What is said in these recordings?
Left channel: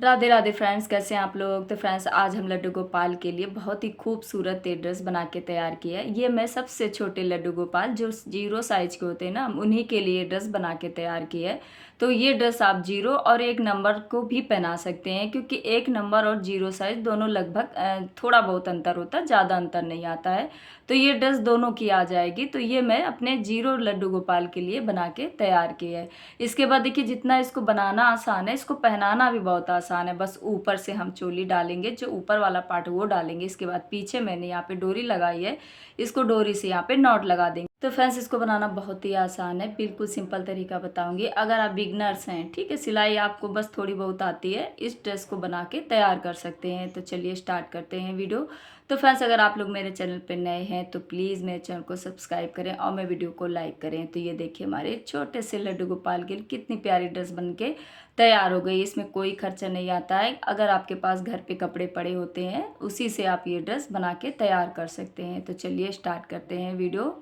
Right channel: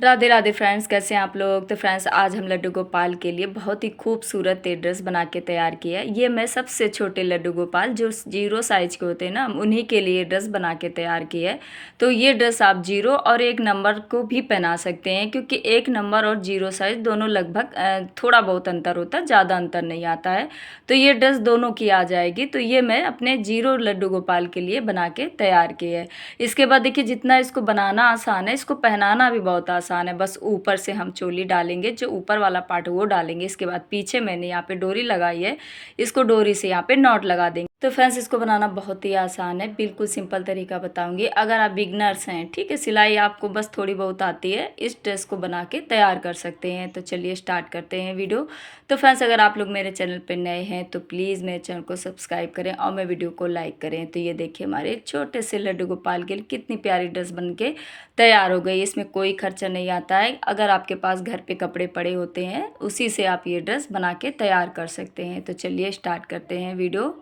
Radhe Radhe friends, कैसे हैं आप लोग। तो फ्रेंड्स, आज हम लड्डू गोपाल के लिए बहुत ही खूबसूरत ड्रेस बना के तैयार किया है। ये मैं सबसे छोटे लड्डू गोपाल जो 0 साइज के होते हैं ना, उन्हीं के लिए ड्रेस बना के तैयार किया है। तो ये ड्रेस आप 0 और 1 नंबर को भी पहना सकते हैं, क्योंकि 1 नंबर और 0 साइज दोनों लगभग थोड़ा बहुत अंतर होता है, ज़्यादा अंतर नहीं आता है। तो ये ड्रेस दोनों की आ जाएगी। तो ये मैं अपने 0 लड्डू गोपाल के लिए बना के तैयार किया है। इसके बाद देखिए, जितना इसको बनाना आसान है, इसको पहनाना भी बहुत आसान है। बस ऊपर से हम चोली डालेंगे, जो ऊपर वाला पार्ट वो डालेंगे। इसके बाद पीछे मैंने यहाँ पे डोरी लगाई है, इसको डोरी से यहाँ पे नॉट लगा देंगे। तो फ्रेंड्स, इसको बनाना बहुत ही आसान है, बिल्कुल सिंपल तरीका बताऊंगी। अगर आप बिगनर्स हैं, ठीक है, सिलाई आपको बस थोड़ी बहुत आती है, इस ड्रेस को बना के तैयार कर सकते हैं। तो चलिए स्टार्ट करते हैं वीडियो। तो फ्रेंड्स, अगर आप लोग मेरे चैनल पर नए हैं तो प्लीज़ मेरे चैनल को सब्सक्राइब करें और मेरे वीडियो को लाइक करें। तो ये देखिए, हमारे छोटे से लड्डू गोपाल के लिए कितनी प्यारी ड्रेस बन के तैयार हो गई। इसमें कोई खर्चा नहीं आता है। अगर आपके पास घर पे कपड़े पड़े होते हैं, उसी से आप ये ड्रेस बना के तैयार कर सकते हैं। तो चलिए स्टार्ट करते हैं वीडियो।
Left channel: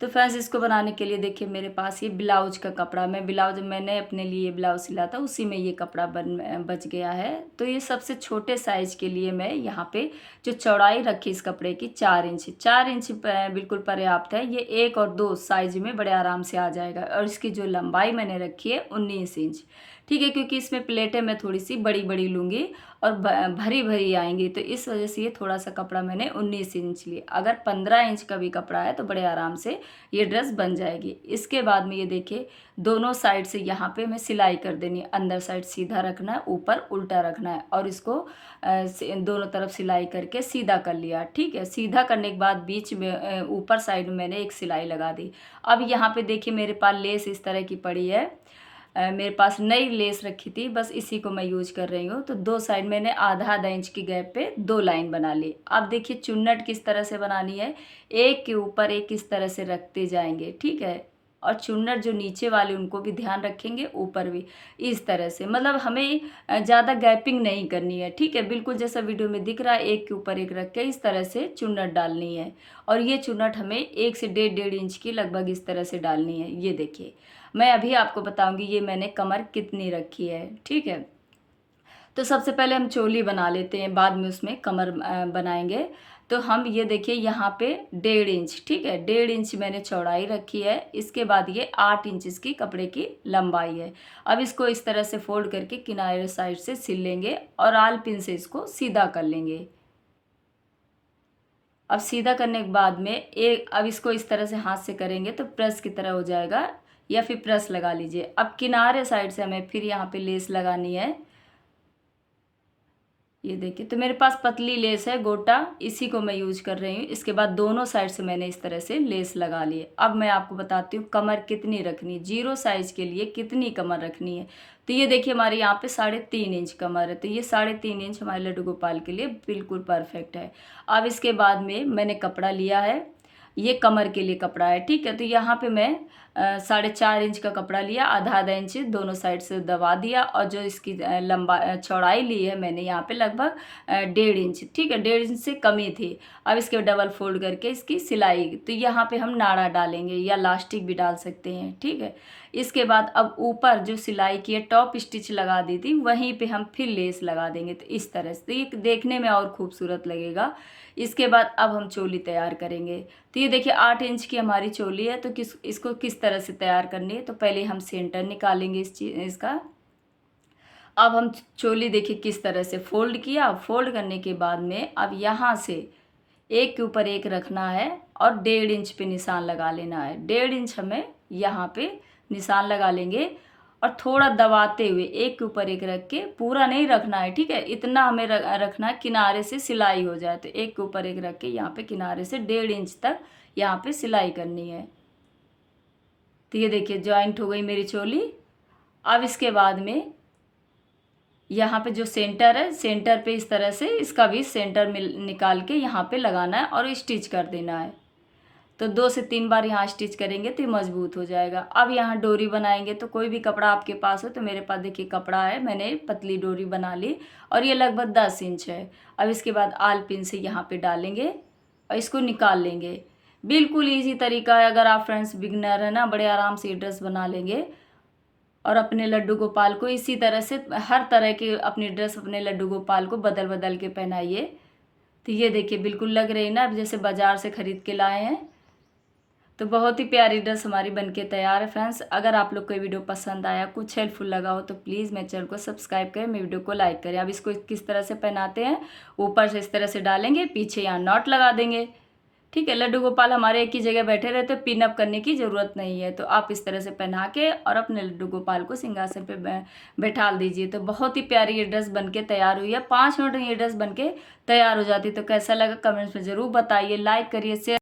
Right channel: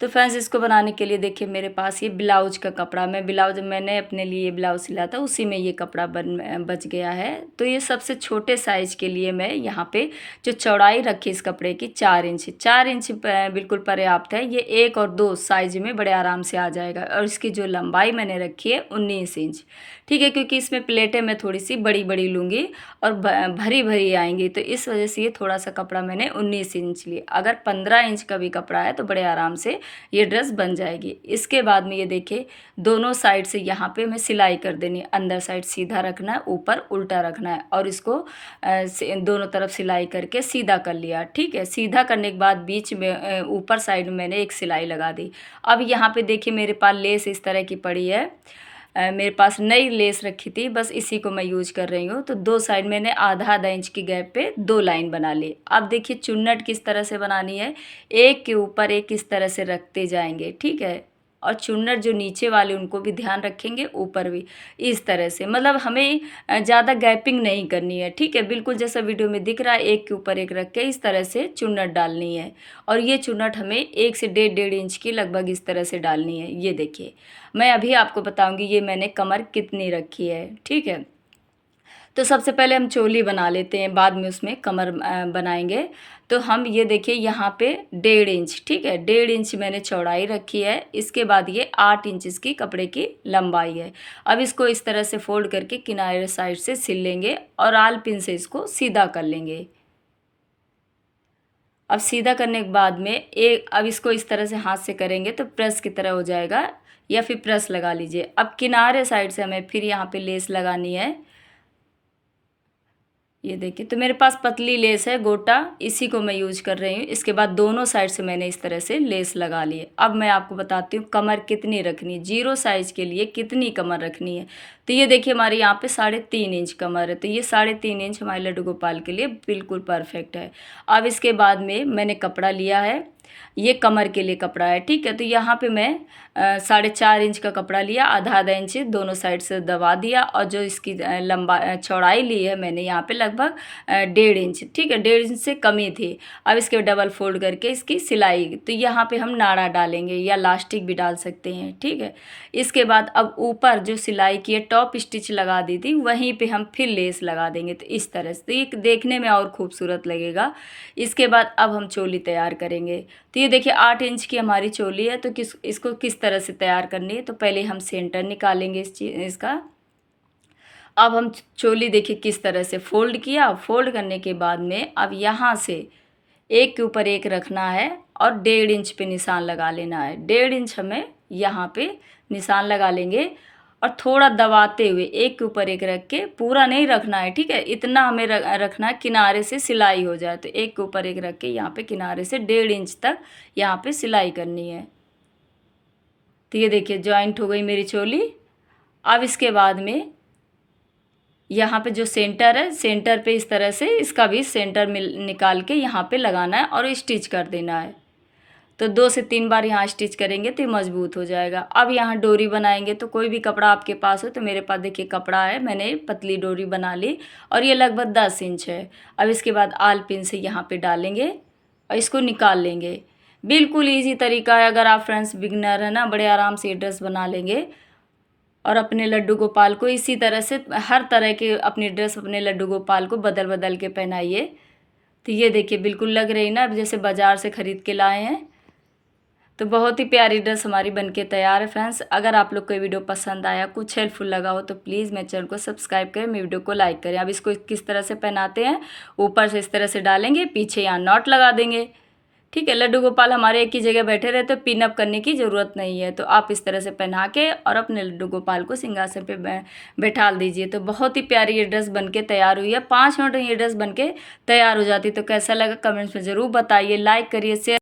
तो फ्रेंड्स, इसको बनाने के लिए देखिए, मेरे पास ये ब्लाउज का कपड़ा, मैंने अपने लिए ब्लाउज सिला था, उसी में ये कपड़ा बच गया है। तो ये सबसे छोटे साइज़ के लिए मैं यहाँ पे जो चौड़ाई रखी इस कपड़े की 4 इंच बिल्कुल पर्याप्त है। ये 1 और 2 साइज में बड़े आराम से आ जाएगा। और इसकी जो लंबाई मैंने रखी है 19 इंच, ठीक है, क्योंकि इसमें प्लेटें मैं थोड़ी सी बड़ी बड़ी लूँगी और भरी भरी आएंगी। तो इस वजह से ये थोड़ा सा कपड़ा मैंने 19 इंच लिया। अगर 15 इंच का भी कपड़ा है तो बड़े आराम से ये ड्रेस बन जाएगी। इसके बाद में ये देखिए, दोनों साइड से यहाँ पे मैं सिलाई कर देनी है। अंदर साइड सीधा रखना है, ऊपर उल्टा रखना है, और इसको दोनों तरफ सिलाई करके सीधा कर लिया। ठीक है, सीधा करने के बाद बीच में ऊपर साइड में मैंने एक सिलाई लगा दी। अब यहाँ पे देखिए, मेरे पास लेस इस तरह की पड़ी है। मेरे पास नई लेस रखी थी, बस इसी को मैं यूज कर रही हूँ। तो 2 साइड मैंने आधा आधा इंच की गैप पे 2 लाइन बना ली। अब देखिए, चुन्नट किस तरह से बनानी है, एक के ऊपर एक इस तरह से रखते जाएंगे, ठीक है। और चुन्नट जो नीचे वाले उनको भी ध्यान रखेंगे, ऊपर भी इस तरह से। मतलब हमें ज़्यादा गैपिंग नहीं करनी है, ठीक है। बिल्कुल जैसा वीडियो में दिख रहा है, एक के ऊपर एक रख के इस तरह से चुन्नट डालनी है। और ये चुन्नट हमें 1 से 1.5 इंच की लगभग इस तरह से डालनी है। ये देखिए, मैं अभी आपको बताऊंगी ये मैंने कमर कितनी रखी है, ठीक है। तो सबसे पहले हम चोली बना लेते हैं, बाद में उसमें कमर बनाएंगे। तो हम ये देखिए, यहाँ पे 1.5 इंच, ठीक है, 1.5 इंच मैंने चौड़ाई रखी है। इसके बाद ये 8 इंच इसकी कपड़े की लंबाई है। अब इसको इस तरह से फोल्ड करके किनारे साइड से सिल लेंगे और आल पिन से इसको सीधा कर लेंगे। अब सीधा करने के बाद में अब इसको इस तरह से हाथ से करेंगे तो प्रेस की तरह हो जाएगा, या फिर प्रेस लगा लीजिए। अब किनारे साइड से हमें फिर यहाँ पे लेस लगानी है। ये देखिए, तो मेरे पास पतली लेस है गोटा, इसी को मैं यूज कर रही हूँ। इसके बाद दोनों साइड से मैंने इस तरह से लेस लगा ली है। अब मैं आपको बताती हूँ कमर कितनी रखनी है, 0 साइज के लिए कितनी कमर रखनी है। तो ये देखिए, हमारे यहाँ पे 3.5 इंच कमर है। तो ये 3.5 इंच हमारे लड्डू गोपाल के लिए बिल्कुल परफेक्ट है। अब इसके बाद में मैंने कपड़ा लिया है, ये कमर के लिए कपड़ा है, ठीक है। तो यहाँ पे मैं 4.5 इंच का कपड़ा लिया, आधा आधा इंच दोनों साइड से दबा दिया। और जो इसकी चौड़ाई ली है मैंने यहाँ पे लगभग 1.5 इंच, ठीक है, 1.5 इंच से कम ही थी। अब इसके डबल फोल्ड करके इसकी सिलाई, तो यहाँ पे हम नाड़ा डालेंगे या लास्टिक भी डाल सकते हैं, ठीक है। इसके बाद अब ऊपर जो सिलाई की है, टॉप स्टिच लगा दी थी, वहीं पे हम फिर लेस लगा देंगे। तो इस तरह से, तो ये देखने में और खूबसूरत लगेगा। इसके बाद अब हम चोली तैयार करेंगे। तो ये देखिए, 8 इंच की हमारी चोली है। तो इसको किस तरह से तैयार करनी है, तो पहले हम सेंटर निकालेंगे इसका। अब हम चोली देखिए किस तरह से फोल्ड किया। फोल्ड करने के बाद में अब यहाँ से एक के ऊपर एक रखना है और 1.5 इंच पे निशान लगा लेना है। 1.5 इंच हमें यहाँ पे निशान लगा लेंगे और थोड़ा दबाते हुए एक के ऊपर एक रख के, पूरा नहीं रखना है, ठीक है, इतना हमें रखना है किनारे से सिलाई हो जाए। तो एक के ऊपर एक रख के यहाँ पे किनारे से 1.5 इंच तक यहाँ पे सिलाई करनी है। तो ये देखिए, जॉइंट हो गई मेरी चोली। अब इसके बाद में यहाँ पे जो सेंटर है, सेंटर पे इस तरह से इसका भी सेंटर निकाल के यहाँ पे लगाना है और स्टिच कर देना है। तो 2 से 3 बार यहाँ स्टिच करेंगे तो ये मजबूत हो जाएगा। अब यहाँ डोरी बनाएंगे। तो कोई भी कपड़ा आपके पास हो, तो मेरे पास देखिए कपड़ा है, मैंने पतली डोरी बना ली और ये लगभग 10 इंच है। अब इसके बाद आल पिन से यहाँ पे डालेंगे और इसको निकाल लेंगे। बिल्कुल ईजी तरीका है। अगर आप फ्रेंड्स बिगनर है ना, बड़े आराम से ये ड्रेस बना लेंगे। और अपने लड्डू गोपाल को इसी तरह से हर तरह की अपनी ड्रेस अपने लड्डू गोपाल को बदल बदल के पहनाइए। तो ये देखिए बिल्कुल लग रही ना जैसे बाज़ार से ख़रीद के लाए हैं। तो बहुत ही प्यारी ड्रेस हमारी बनके तैयार है फ्रेंड्स। अगर आप लोग को वीडियो पसंद आया, कुछ हेल्पफुल लगा हो तो प्लीज़ मेरे चैनल को सब्सक्राइब करें, मेरे वीडियो को लाइक करें। अब इसको किस तरह से पहनाते हैं, ऊपर से इस तरह से डालेंगे, पीछे यहाँ नॉट लगा देंगे। ठीक है, लड्डू गोपाल हमारे एक ही जगह बैठे रहते, तो पिन अप करने की ज़रूरत नहीं है। तो आप इस तरह से पहना के और अपने लड्डू गोपाल को सिंहासन पे बैठा दीजिए। तो बहुत ही प्यारी ये ड्रेस बनके तैयार हुई है। 5 मिनट में ये ड्रेस बनके तैयार हो जाती। तो कैसा लगा कमेंट्स में ज़रूर बताइए, लाइक करिए, शेयर